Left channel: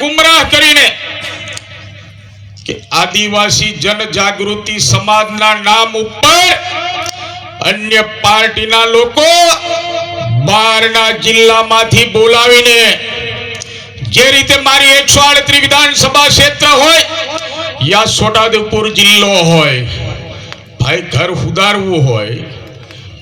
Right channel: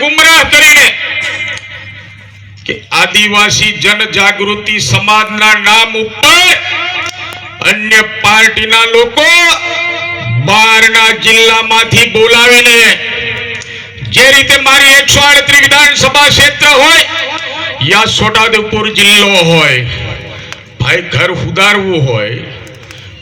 ગુમરાહ કરીને કે આદિવાસી જનજાગૃતિ સમાજના નામ ઉપર અન્ય પાર્ટીના લોકો બહારના જિલ્લામાંથી બોલાવીને જે રીતે મારી એકસો આડત્રીસ વિધાનસભા ક્ષેત્ર હોય, યા છોટાઉદેપુર જિલ્લો હોય, ભાઈ ઘર સુધારવું હોય,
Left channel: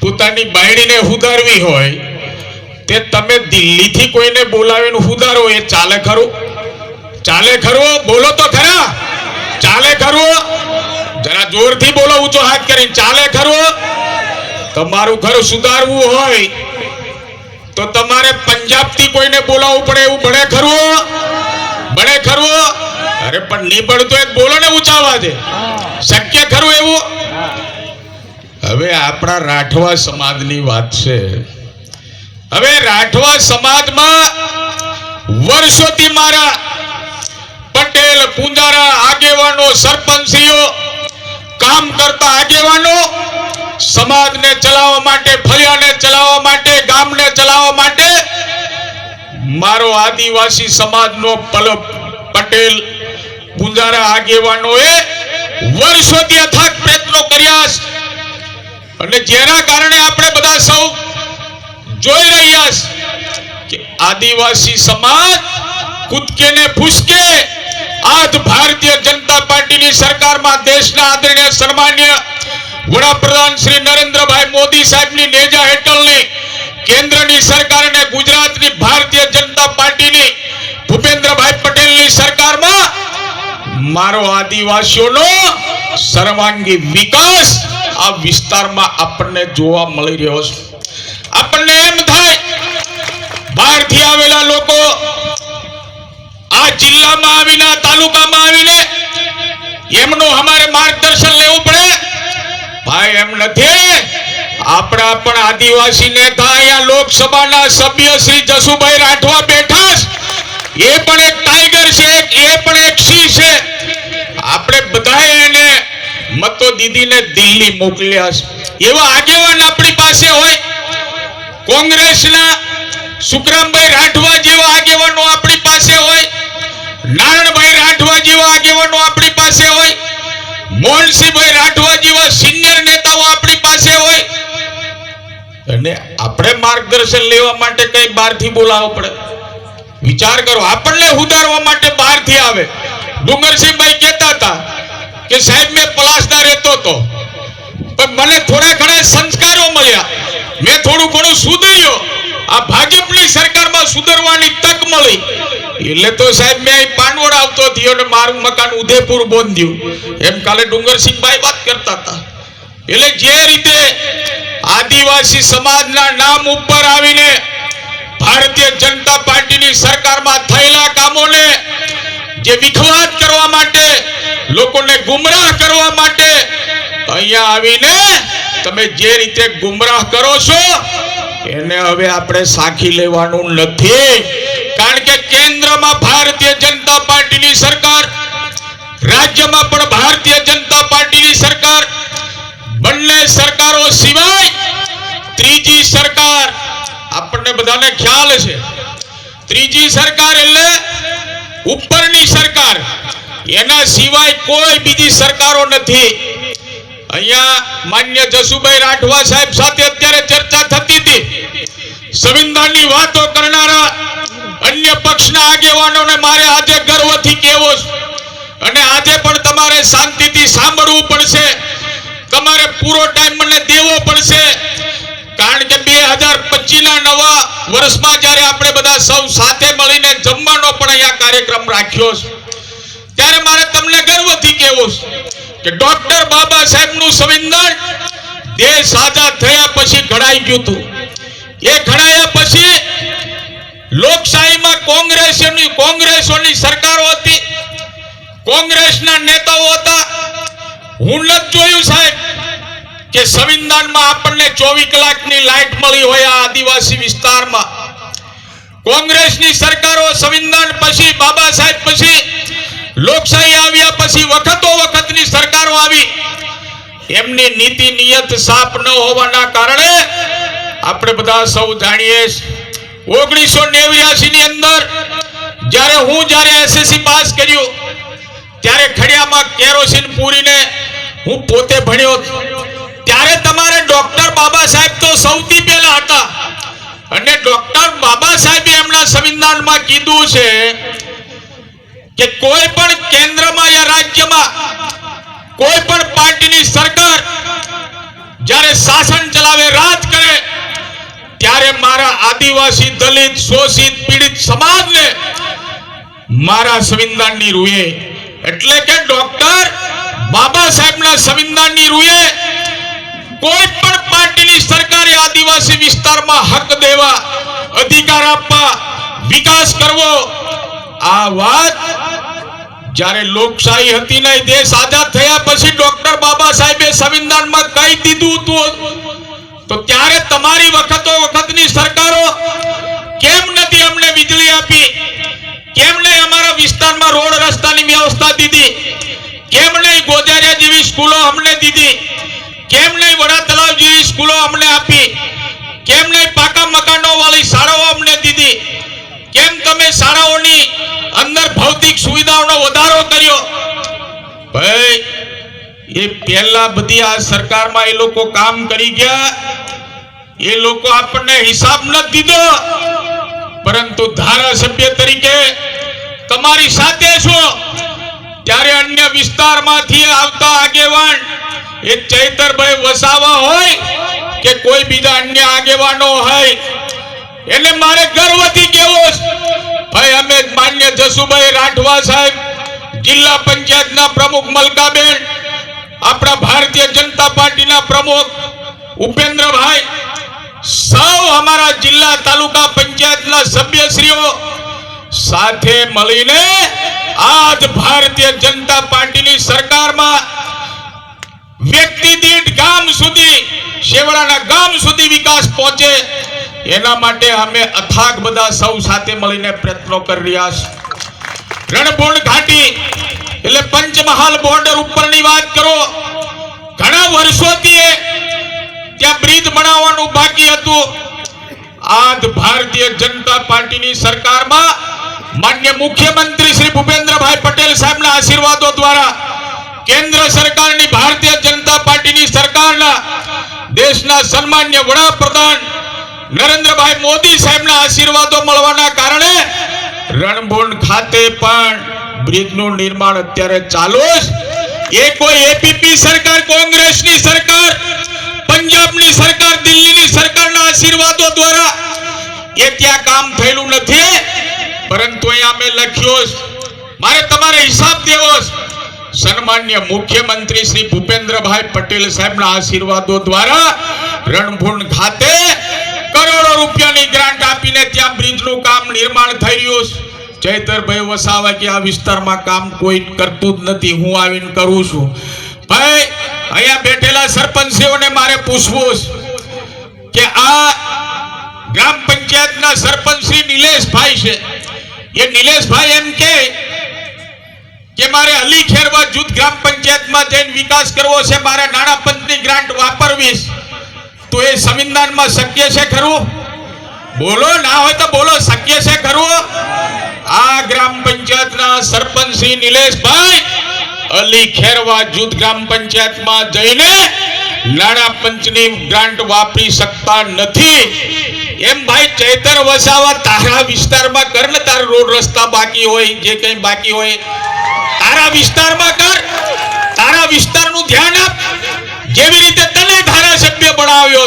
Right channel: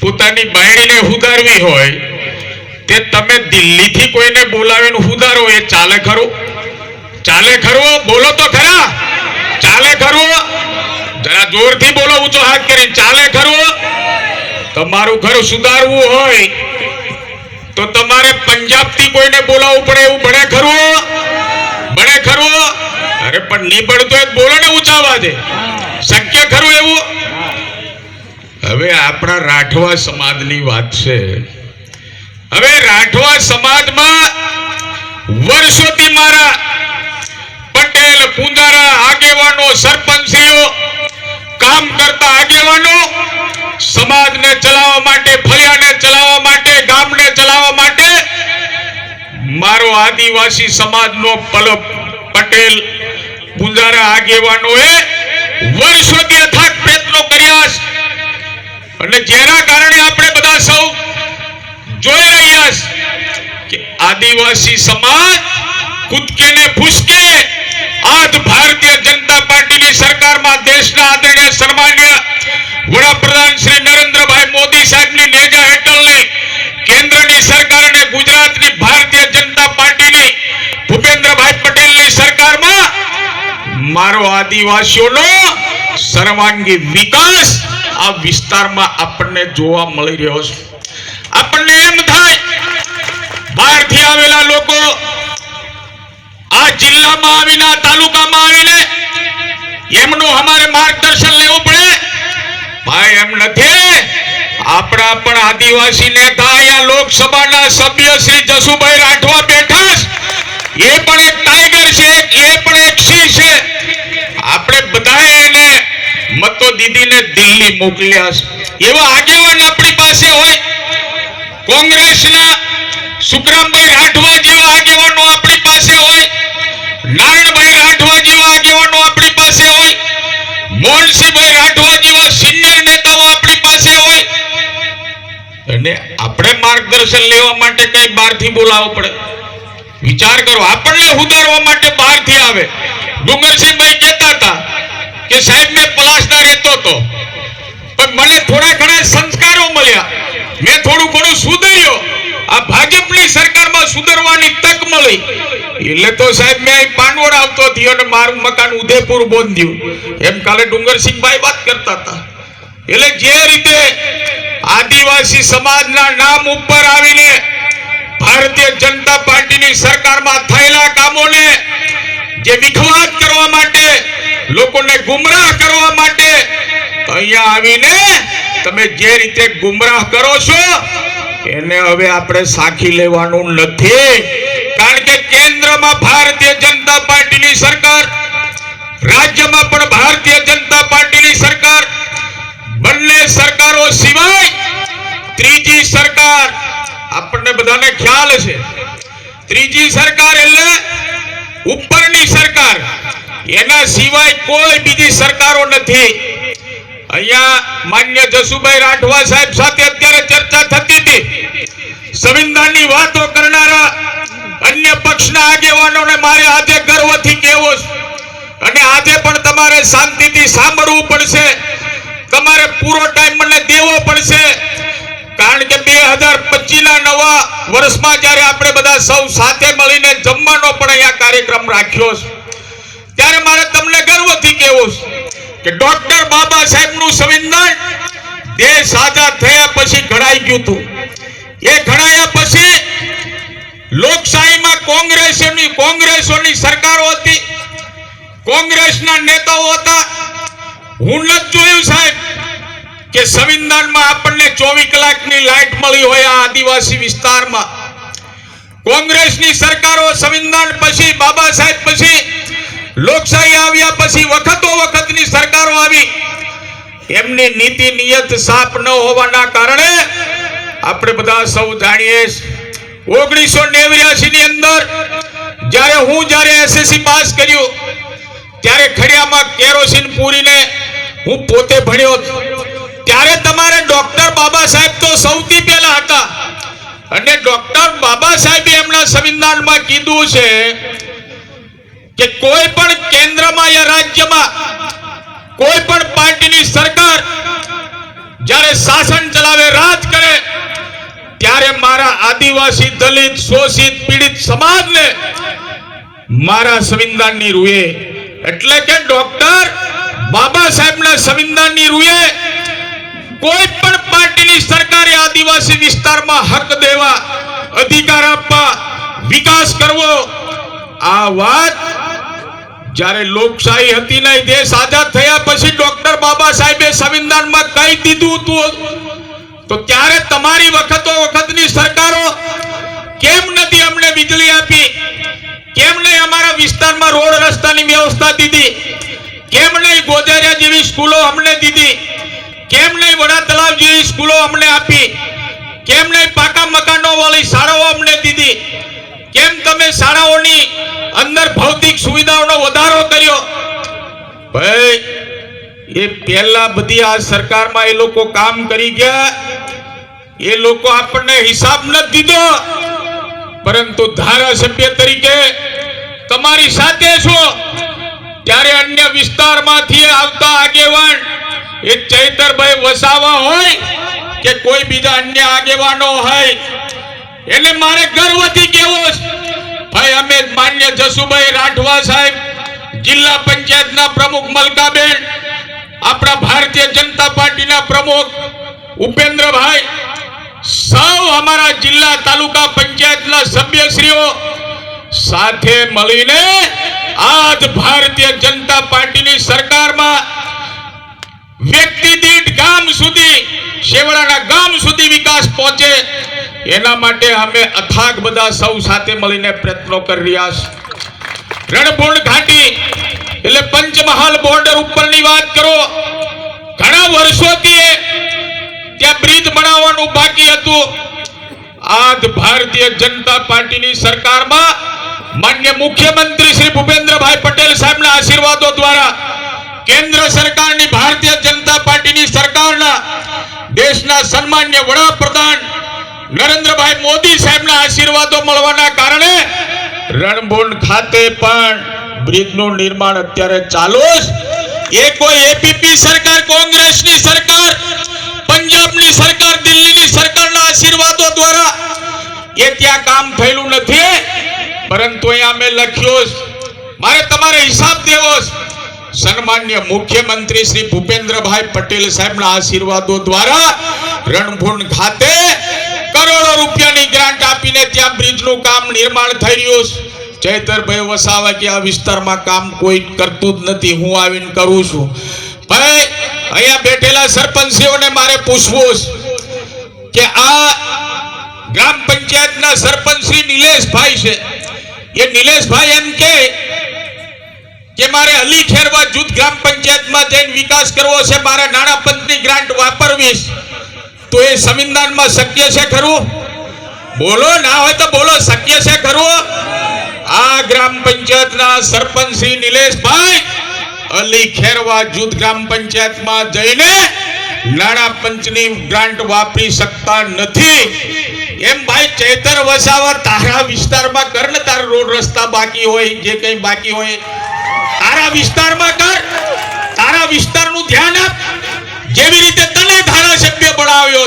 પોતાની બાયડીને સુધારવી હોય, તે તમે દિલ્હીથી કોઈને બોલાવીને સુધારો એ ચાલે ખરું? ચાલે ખરું? બોલો તો ખરા. ચાલે ખરું? જરા જોરથી બોલો, ઊંચો હાથ કરીને. ચાલે ખરું? તમારું ઘર સુધારવું હોય તો તમારે પંજાબથી કોઈને બોલાવવું પડે, એવું ભણે ખરું? ભણે ખરું? અરે, પણ નહીં બનતો એ બોલો ને ઉચાવા દે. શક્ય ખરું એવું? હવે આપણા રાઠવા સમાજની વાત છે. હવે રાઠવા સમાજમાં વર્ષોથી મારા પટેલ પુંજારા આગેવાનો સરપંચીઓ, કામ કરતા આગેવાનો, સમાજને ચલાવવા માટે ફળિયાને ચલાવવા માટે, ગામને ચલાવવા માટે મારો આદિવાસી સમાજનો પટેલ પુંજારા આગેવાનોએ વર્ષોથી અથાગ પ્રયત્નો કર્યા અને જેના કારણે આપણે બધા સૌ જોઈ રહ્યા કે આદિવાસી સમાજ કૂદકે ને ફૂસકે આજ ભારતીય જનતા પાર્ટીની સરકારમાં દેશના આદરણીય, સન્માન્ય વડાપ્રધાન શ્રી નરેન્દ્રભાઈ મોદી સાહેબની નેજા હેઠળની કેન્દ્રની સરકાર અને ગુજરાતની ભારતીય જનતા પાર્ટીની ભૂપેન્દ્રભાઈ પટેલની સરકારમાં મારો આદિવાસીઓનો સર્વાંગી વિકાસ આ વિસ્તારમાં આપણને જોવા મળી રહ્યો છે. આપણને એમ થાય, બહારથી આવેલા લોકો આ જિલ્લામાં આવીને તાલુકામાં આવીને એમનું અમારે માર્ગદર્શન લેવું પડે. ભાઈ, એમ નથી. આપણા પણ આદિવાસી નેતા અહીંયા લોકસભાના સભ્ય શ્રી જસુભાઈ રાઠવા બેઠા એ પણ એક ટાઈગર છે એ પણ એક સિંહ છે. આપણે બધાએ એને મતો દીદીને દિલ્હી મોકલ્યા છે. એવા આગેવાન આપણી પાસે હોય. કોંગ્રેસના સુખરામભાઈ રાઠવા જેવા આગેવાનો આપણી પાસે હોય નારણભાઈ રાઠવા જેવા આગેવાનો આપણી પાસે હોય મોહનસિંહભાઈ રાઠવા જેવા સિનિયર નેતાઓ આપણી પાસે હોય. અને આપણે માર્ગદર્શન લેવા માટે કઈ બહારથી બોલાવવું પડે. વિચાર કરો, આપણને સુધારવા માટે બહારથી આવે. ડુંગરસિંહભાઈ કહેતા હતા કે સાહેબ, મેં પલાસના રહેતો હતો. પણ મને થોડા ઘણા સંસ્કારો મળ્યા. મેં થોડું ઘણું સુધર્યો. આ ભાજપની સરકારમાં સુધરવાની તક મળી. એટલે તો સાહેબ મેં અહીં પાનવડ આવતો થયો અને મારું મકાન ઉદયપુર બોંધ્યું. એમ કાલે ડુંગરસિંહભાઈ વાત કરતા હતા. એટલે જે રીતે આદિવાસી સમાજના નામ ઉપર આવીને ભારતીય જનતા પાર્ટીની સરકારમાં થયેલા કામોને જે વિખવાદ કરવા માટે, લોકોને ગુમરાહ કરવા માટે અહીંયા આવીને તમે જે રીતે ગુમરાહ કરો છો એને હવે આપણે સાખી લેવાનું નથી. કારણ કે કેન્દ્રમાં ભારતીય જનતા પાર્ટીની સરકાર, રાજ્યમાં પણ ભારતીય જનતા પાર્ટીની સરકાર, બંને સરકારો સિવાય ત્રીજી સરકાર, આપણને બધાને ખ્યાલ છે. ત્રીજી સરકાર એટલે ઉપરની સરકાર. એના સિવાય કોઈ બીજી સરકારો નથી. અહીંયા માન્ય જસુભાઈ રાઠવા સાહેબ સાથે અત્યારે ચર્ચા થતી હતી. સંવિધાનની વાતો કરનારા અન્ય પક્ષના આગેવાનોને મારે આજે ગર્વથી કહેવું અને આજે પણ તમારે શાંતિથી સાંભળવું પડશે. તમારે પૂરો ટાઈમ મને દેવો પડશે. કારણ કે બે હજાર પચીસના નવા વર્ષમાં જ્યારે આપણે બધા સૌ સાથે મળીને જમવાનો પણ અહીંયા કાર્યક્રમ રાખ્યો છે. ત્યારે મારે તમને ગર્વથી કહેવું છે. કે ડોક્ટર બાબા સાહેબનું સંવિધાન દેશ આઝાદ થયા પછી ઘડાઈ ગયું હતું. એ ઘડાયા પછી લોકશાહીમાં કોંગ્રેસની, કોંગ્રેસોની સરકારો હતી. કોંગ્રેસના નેતાઓ હતા. હું નથી જોયું સાહેબ કે સંવિધાનમાં આપણને ચોવીસ કલાકની લાઈટ મળી હોય આ આદિવાસી વિસ્તારમાં. કોંગ્રેસની સરકારો સંવિધાન પછી, બાબા સાહેબ પછી લોકશાહી આવ્યા પછી વખતો વખતની સરકારો આવી. એમની નીતિ નિયત સાફ ન હોવાના કારણે આપણે બધા સૌ જાણીએ ઓગણીસો નેવ્યાસી ની અંદર જ્યારે હું જ્યારે એસએસસી પાસ કર્યું, ત્યારે ખડિયામાં કેરોસીન પૂરીને હું પોતે ભણ્યો. ત્યારે તમારે ડોક્ટર બાબા સાહેબ તો સૌથી પહેલા હતા. અને ડોક્ટર બાબા સાહેબે એમના સંવિધાનમાં કીધું છે કે કોઈ પણ કેન્દ્રમાં યા રાજ્યમાં કોઈ પણ પાર્ટીની સરકાર જ્યારે શાસન ચલાવે, રાજ કરે, ત્યારે મારા આદિવાસી દલિત, શોષિત, પીડિત સમાજને મારા સંવિધાનની રૂએ. એટલે કે ડોક્ટર બાબા સાહેબના સંવિધાનની રૂએ કોઈ પણ પાર્ટીની સરકારે આદિવાસી વિસ્તારમાં હક દેવા, અધિકાર આપવા, વિકાસ કરવો, આ વાત જ્યારે લોકશાહી હતી નહીં દેશ આઝાદ થયા પછી ડોક્ટર બાબા સાહેબે સંવિધાનમાં કહી દીધું હતું? તો ત્યારે તમારી વખતો વખતની સરકારો કેમ નથી અમને વીજળી આપી? કેમ નહીં અમારા વિસ્તારમાં રોડ રસ્તાની વ્યવસ્થા દીધી? કેમ નહીં ગોજારિયા જેવી સ્કૂલો અમને દીધી? કેમ નહીં વડા તલાવ જેવી સ્કૂલો અમને આપી? કેમ નહીં પાકા મકાનો વાળી શાળાઓ અમને દીધી? કેમ તમે શાળાઓની એ પહેલા બધી આ સરકારમાં એ લોકો કામ કરી ગયા. એ લોકો આપણને હિસાબ નથી દીધો. પરંતુ ધારાસભ્ય તરીકે તમારી સાથે છો. ત્યારે અન્ય વિસ્તારમાંથી આવતા આગેવાન એ ચૈતરભાઈ વસાવા હોય કે કોઈ બીજા અન્ય આગેવાનો હોય, એને મારે ગર્વથી કહેવો ભાઈ, અમે માન્ય જસુભાઈ રાઠવા સાહેબ, જિલ્લા પંચાયતના પ્રમુખ મલકાબેન આપણા ભારતીય જનતા પાર્ટીના પ્રમુખ ઉપેન્દ્રભાઈ સૌ અમારા જિલ્લા તાલુકા પંચાયતના સભ્યશ્રીઓ સાથે મળીને આજ ભારતીય જનતા પાર્ટીની સરકારમાં વ્યક્તિ દીઠ ગામ સુધી શેવડાના ગામ સુધી વિકાસ પહોંચે, એના માટે અમે અથાગ બધા સૌ સાથે મળીને પ્રયત્નો કરી રહ્યા છે રણભૂણ ઘાટી એટલે પંચમહાલ બોર્ડર વર્ષોથી ત્યાં બ્રિજ બનાવવાનું બાકી હતું, આજ ભારતીય જનતા પાર્ટીની સરકારમાં માન્ય મુખ્યમંત્રી શ્રી ભૂપેન્દ્રભાઈ પટેલ સાહેબના આશીર્વાદો દ્વારા કેન્દ્ર સરકારની ભારતીય જનતા પાર્ટીની સરકારના દેશના સન્માન્ય વડાપ્રધાન નરેન્દ્રભાઈ મોદી સાહેબના આશીર્વાદો મળવાના કારણે રણભૂણ ખાતે પણ બ્રિજનું નિર્માણ અત્યારે ચાલુ છે એ કોઈ એપીપી સરકાર, કોંગ્રેસની સરકાર, પંજાબની સરકાર, દિલ્હીની સરકારના આશીર્વાદો દ્વારા એ ત્યાં કામ થયેલું નથી પરંતુ અહીંયા અમે લખ્યો મારે તમારે હિસાબ દેવો. સન્માન્ય મુખ્યમંત્રી શ્રી ભૂપેન્દ્રભાઈ પટેલ સાહેબના આશીર્વાદો દ્વારા રણભૂણ ખાતે કરોડો રૂપિયાની ગ્રાન્ટ આપીને ત્યાં બ્રિજનું કામ નિર્માણ થઈ રહ્યું છે. ચૈતરભાઈ વસાવા કે આ વિસ્તારમાં કામ કોઈ કરતું જ નથી. હું આવીને કરું છું. ભાઈ, અહીંયા બેઠેલા સરપંચીઓને મારે પૂછવું કે આ ગ્રામ પંચાયતના સરપંચ શ્રી નિલેશભાઈ છે. એ નિલેશભાઈ એમ કે કે મારે અલી ખેરવા જૂથ ગ્રામ પંચાયતમાં જઈને વિકાસ કરવો છે, મારે નાણાં પંચની ગ્રાન્ટ વાપરવી તો એ સંવિધાનમાં શક્ય છે ખરું? બોલો, ના હોય તો બોલો, શક્ય છે ખરું? આ ગ્રામ પંચાયતના સરપંચ શ્રી નિલેશભાઈ અલી ખેરવા જૂથ ગ્રામ પંચાયતમાં જઈને નાણા પંચની ગ્રાન્ટ વાપરી શકતા નથી. એમ ભાઈ ચૈતર વસાવા તારા વિસ્તારમાં કર ને, તારા રોડ રસ્તા બાકી હોય, જે કંઈ બાકી હોય. તારા વિસ્તારમાં કર, તારા વિસ્તારનું ધ્યાન આપ. જેવી રીતે તને ધારાસભ્ય બનાવ્યો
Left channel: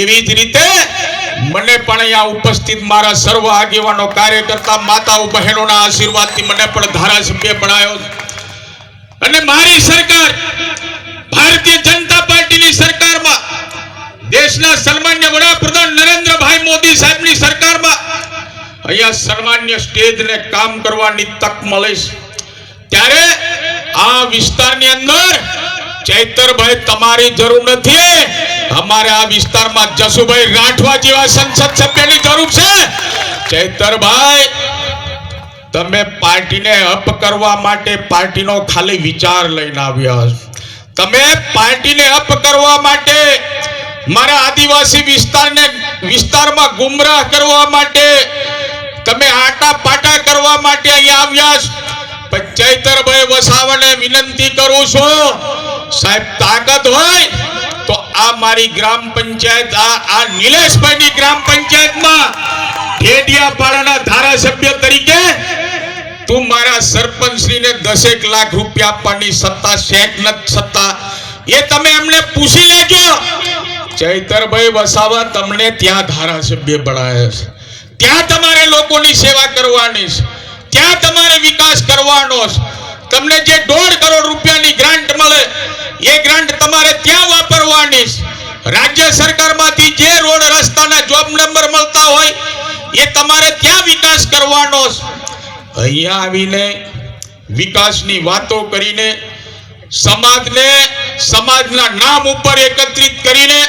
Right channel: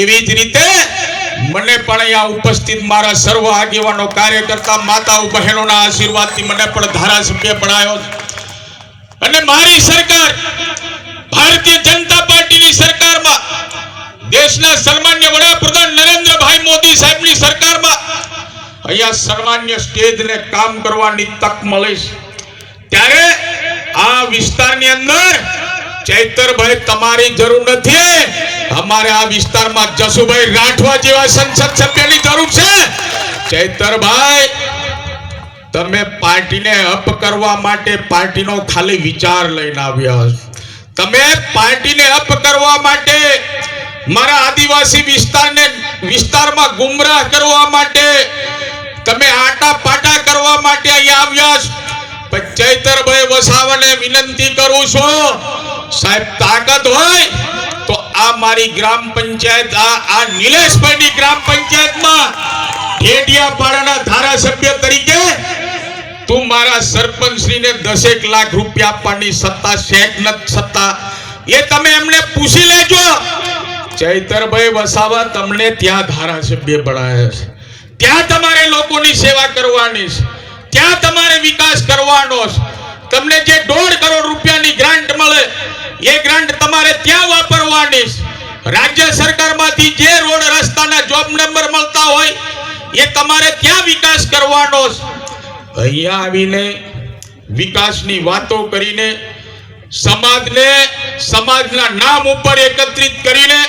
એવી જ રીતે મને પણ અહીંયા ઉપસ્થિત મારા સર્વ આગેવાનો, કાર્યકર્તા, માતાઓ, બહેનોના આશીર્વાદથી મને પણ ધારાસભ્ય બનાવ્યો અને મારી સરકાર, ભારતીય જનતા પાર્ટીની સરકારમાં, દેશના સન્માન્ય વડાપ્રધાન નરેન્દ્રભાઈ મોદી સાહેબની સરકારમાં, અહીંયા સન્માન્ય સ્ટેજને કામ કરવાની તક મળે છે. ત્યારે આ વિસ્તારની અંદર ચૈતરભાઈ, તમારી જરૂર નથી અમારે આ વિસ્તારમાં જસુભાઈ રાઠવા જેવા સંસદ સભ્યની જરૂર છે. ચૈતરભાઈ, તમે પાર્ટીને અપ કરવા માટે પાર્ટીનો ખાલી વિચાર લઈને આવ્યા તમે પાર્ટીને અપ કરવા માટે મારા આદિવાસી વિસ્તારને વિસ્તારમાં ગુમરાહ કરવા માટે, તમે આટા પાટા કરવા માટે અહીંયા આવ્યા ચૈતરભાઈ વસાવાને વિનંતી કરું છું, સાહેબ, તાકાત હોય આ મારી ગ્રામ પંચાયત, આ આ નિલેશભાઈની ગ્રામ પંચાયતમાં ઢેડિયાપાડાના ધારાસભ્ય તરીકે તું મારા સરપંચશ્રીને દસેક લાખ રૂપિયા આપવાની સત્તા નથી સત્તા. એ તમે એમને પૂછી લેજો. ચૈતરભાઈ વસાવા તમને ત્યાં ધારાસભ્ય બનાવ્યા છે. ત્યાં તમારે લોકોની સેવા કરવાની છે. ત્યાં તમારે વિકાસ કરવાનો છે. તમને જે દોઢ કરોડ રૂપિયાની ગ્રાન્ટ મળે એ ગ્રાન્ટ તમારે ત્યાં વાપરવાની રાજ્ય સરકારમાંથી જે રોડ રસ્તાના જોબ નંબર મળતા હોય, એ તમારે ત્યાં વિકાસ કરવાનો અહીંયા આવીને વિકાસની વાતો કરીને, સમાજને, સમાજના નામ ઉપર એકત્રિત કરીને,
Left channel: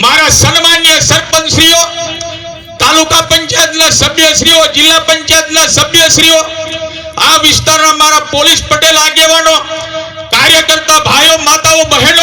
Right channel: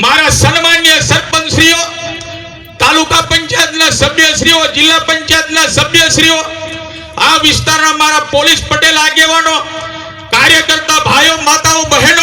મારા સન્માન્ય સરપંચશ્રીઓ, તાલુકા પંચાયતના સભ્યશ્રીઓ, જિલ્લા પંચાયતના સભ્યશ્રીઓ, આ વિસ્તારના મારા પોલીસ પટેલ આગેવાનો કાર્યકર્તા ભાઈઓ માતાઓ બહેનો